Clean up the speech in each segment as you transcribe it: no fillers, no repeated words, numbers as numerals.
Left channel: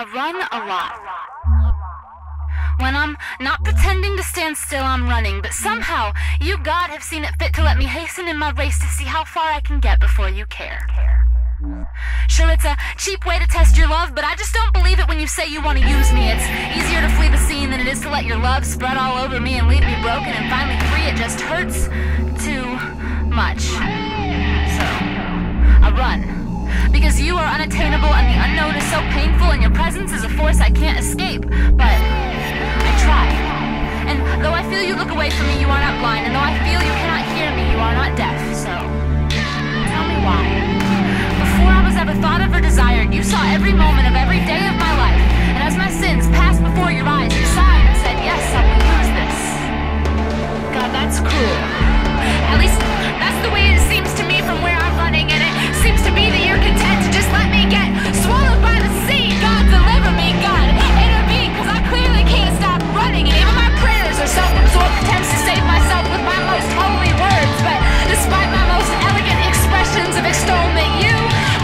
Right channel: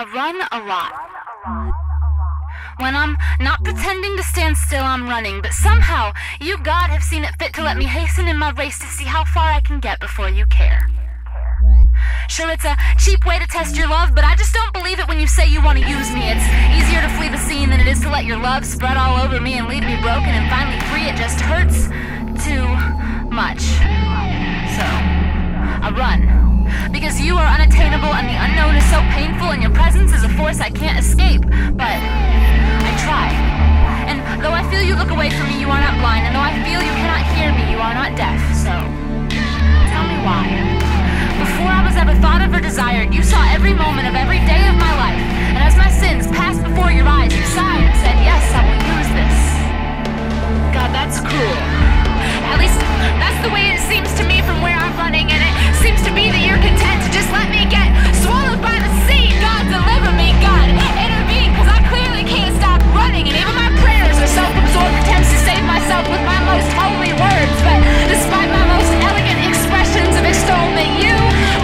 I run a lot. When I'm not pretending to stand still, I'm running, but somehow you, God, have seen it fit to let me hasten in my race to see how far I can get before you care. Sure, it's a cheap way to test your love, but I just don't believe it when you say you want to use me. It's easier to flee the scene than it is to let your love spread all over me and leave me broken and finally free. It just hurts too much. So, I run. Because you are unattainable and the unknown is so painful and your presence is a force I can't escape. But I try. And though I feel you look away from me, you are not blind. And though I feel you cannot hear me, you are not deaf. So, tell me why. Before I was ever thought of or desired, you saw every moment of every day of my life. And as my sins passed before your eyes, you sighed and said, yes, I will use this. God, that's cruel. At least, that's the way it seems to me from where I'm running, and it seems to be that you're content to just let me get swallowed by the sea. God, deliver me. God, intervene, because I clearly can't stop running, and even my prayers are self-absorbed attempts to save myself with my most holy words. But despite my most elegant expressions of extolment, you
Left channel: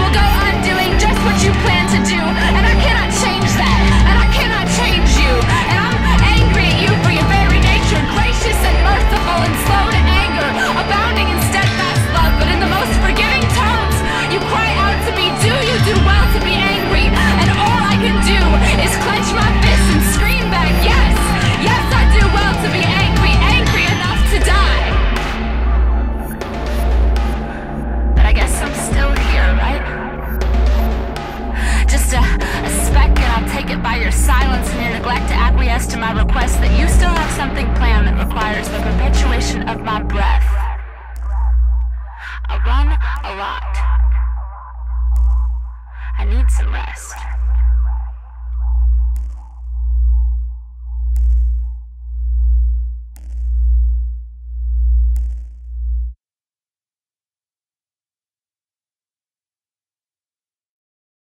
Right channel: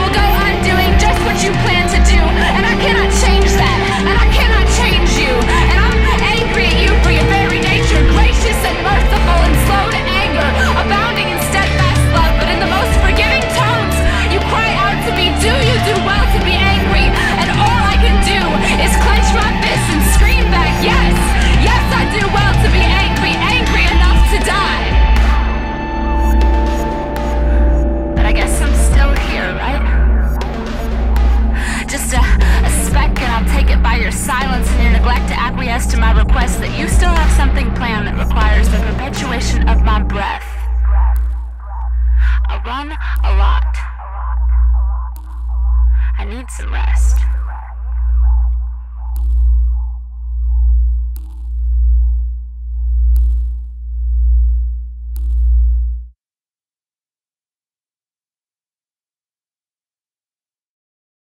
will go undoing just what you plan to do, and I cannot change that, and I cannot change you, and I'm angry at you for your very nature, gracious and merciful and slow to anger, abounding in steadfast love, but in the most forgiving tones, you cry out to me, do you do well to be angry? And all I can do is clench my fists and scream back, yes, yes, I do well to be angry, angry enough to die. But I guess I'm still here, right? Just a speck, and I'll take it by your silence and your neglect to acquiesce to my request that you still have something planned that requires the perpetuation of my breath. I run a lot. I need some rest.